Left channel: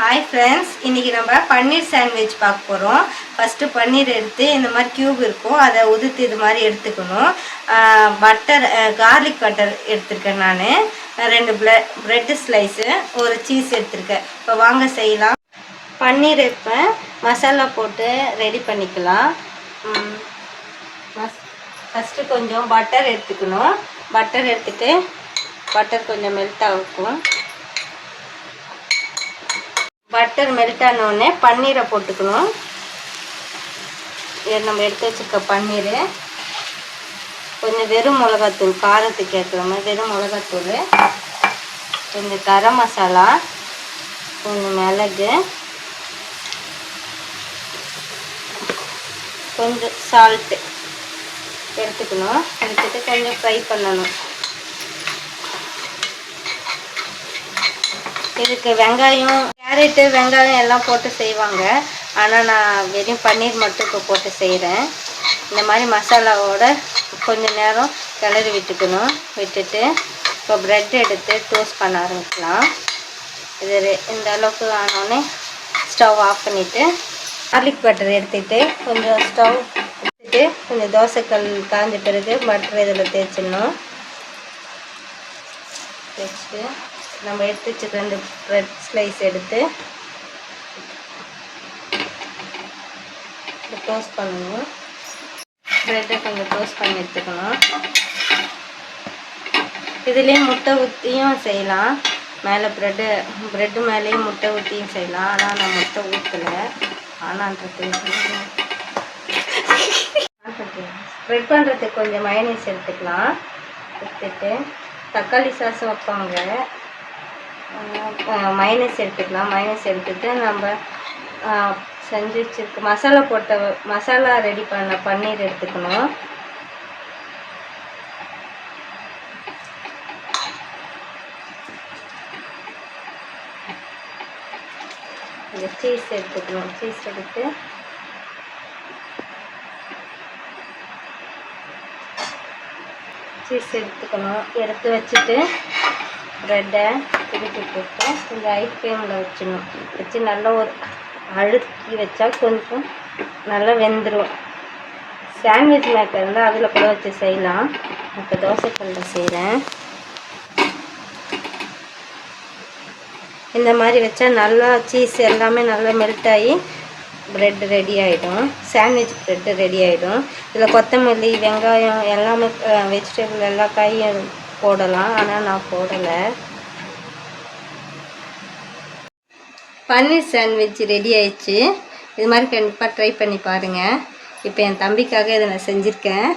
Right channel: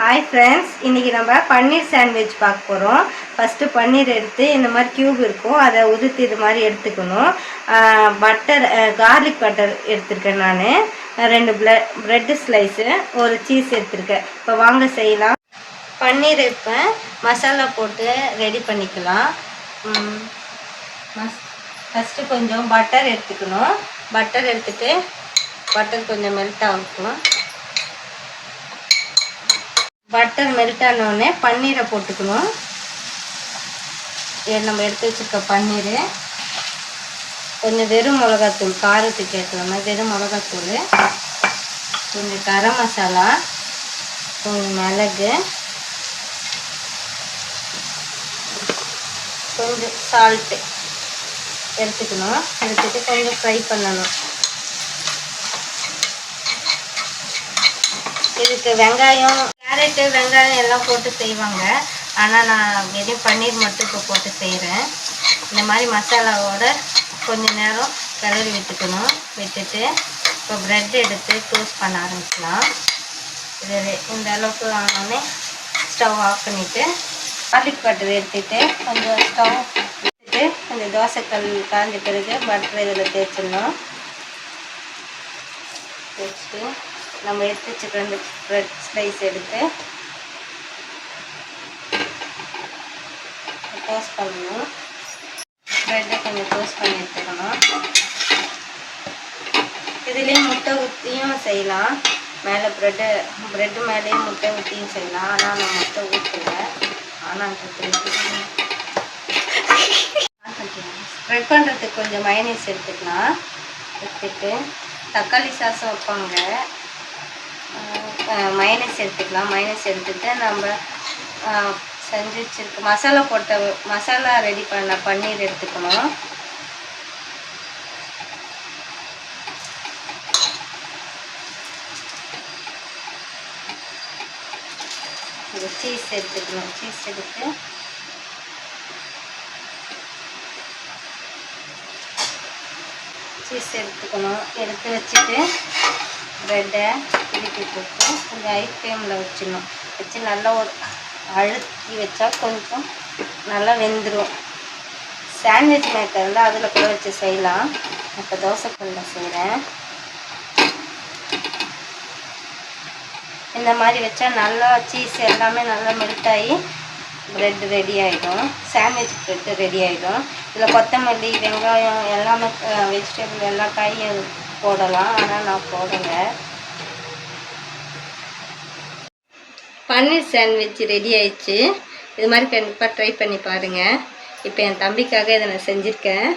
Hi friends இன்றைக்கி நம்ம பன்னீர் sandwich பார்க்க போகிறோம் ஃபஸ்ட்டு பன்னீர் எடுத்து இந்த மாதிரி க்யூப் இருக்கும். அதை உதுத்து இது மாதிரி எடுத்துக்கணும். பட்டர் கார்லிக் பட்டர் எடுத்திருக்கேன் நான். ரெண்டு ப்ள ப்ரெட்டு ஸ்லைஸு ஒரு சீஸ் எடுத்திருக்கேன். இப்போ வாங்க செய்யலாம். பன்னீர் இப்போ மசாலா போட்டு ரெடி பண்ணிக்கலாம். ஃபஸ்ட்டு கொஞ்சம் பட்டர் எடுத்துக்கணும். பட்டர் எடுத்துகிட்டு பட்டர் கொஞ்சம் மெல்ட் ஆகும் பட்டர் மெல்ட் ஆனோடனே பன்னீரை போட்டுக்கணும். இது நம்ம எடுத்து வச்சுருக்க பன்னீர். கொஞ்சம் வெறும் மிளகாத்தூள் காரத்துக்கு ஏற்ற மாதிரி வெறும் மிளகாத்தூள். கொஞ்சம் கரம் மசாலா கொஞ்சம் மிளகு. கொஞ்சம் சால்ட்டு எடுத்துக்கணும். எடுத்துட்டு கொஞ்சம் ஃப்ரை பண்ணணும். இதுக்கு வெங்காயம் கேரட்டு வெங்காயம் எல்லாம் போட்டு செய்வாங்க. ஆனால் நான் வெறும் பன்னீர் மட்டும் இப்போ போட்டு செய்கிறேன் இந்த மாதிரி மசாலாவோட கொஞ்ச நேரம் கிளறி விட்டுக்கணும். விட்டுட்டு இப்போ ப்ரெட் எடுத்து டோஸ்ட் பண்ண ஆரம்பிக்கலாம். இது இந்த அளவுக்கு ஆனோடனே ஸ்டவ் ஆஃப் பண்ணிவிட்டு கார்லிக் பட்டர் எடுத்துட்டு கொஞ்சம் ஸ்டவ் எடுத்துட்டு கொஞ்சம் தோசைக்கல் காய்ஞ்ச பிறகு பட்டர் இதில் தேய்ச்சிடணும். தேய்ச்சிட்டு நம்ம எடுத்து வச்சுக்கிற அந்த ப்ரெட் ஸ்லைஸ் எடுத்து டோஸ்ட் பண்ணணும். ப்ரெட்டை கொஞ்சம் டோஸ்ட் பண்ணி எடுத்துக்கணும். இதுலேயே முட்டை ஊற்றியும் செய்யலாம். மேலே ப்ரெட்டு ப்ரெட்டு மேலேயும் முட்டை ஊற்றியும் செய்யலாம். ஆனால் நான் முட்டை ஊற்றலை ஆனால் ஸ்ப்ரெட் பண்ணுறதுக்கு கொஞ்சம் மயனேஸ் எடுத்துக்கலாம். எடுத்துட்டு தக்காளி சாசம் வைப்பாங்க மைனஸ் எடுத்துக்கலாம். மைனஸ் எடுத்துட்டு நம்ம செஞ்சு வச்சுருக்க மசாலா போட்ட மசாலா ரெடி பண்ண பன்னீர் எடுத்துக்கணும். இந்த சீஸ் எடுத்துக்கணும். சீஸ் எடுத்து சீஸ் எடுத்துக்கணும். எடுத்து வச்சுட்டு ப்ரெட்டை திருப்பி போட்டு கொஞ்சம் ஐஸ்கிரீமில் ஃப்ளேமில் வச்சிடணும். வச்சு நல்லா ஒரு அழுத்தி வச்சா கொஞ்சம் நல்லா வெந்துடும் சாண்ட்விச் மேக்கர் வந்து அதில் கூட வச்சு செய்யலாம். இப்போ தோசைக்கல்லில் செய்கிறேன் இந்த மாதிரி வச்சா நல்லா சீஸ் எல்லாமே நல்லா மெல்ட் ஆகி ப்ரெட் ரெடி ஆகிடும் சாண்ட்விச் ப்ரெட்டு ரெடி ஆகிடும் இதில் கொத்தமல்லி வெங்காயம் எல்லாமே வெஜிடபிள் எல்லா காயும் போடலாம் ஆனால் நான் போடலை. பன்னீர் சாண்ட்விச் ரெடி ஆயிடுச்சு. இது மாதிரி கண்டிப்பாக ட்ரை பண்ணி பாருங்கள் இப்போ என் தம்பிக்காக இதை நான் செஞ்சுருக்கேன்.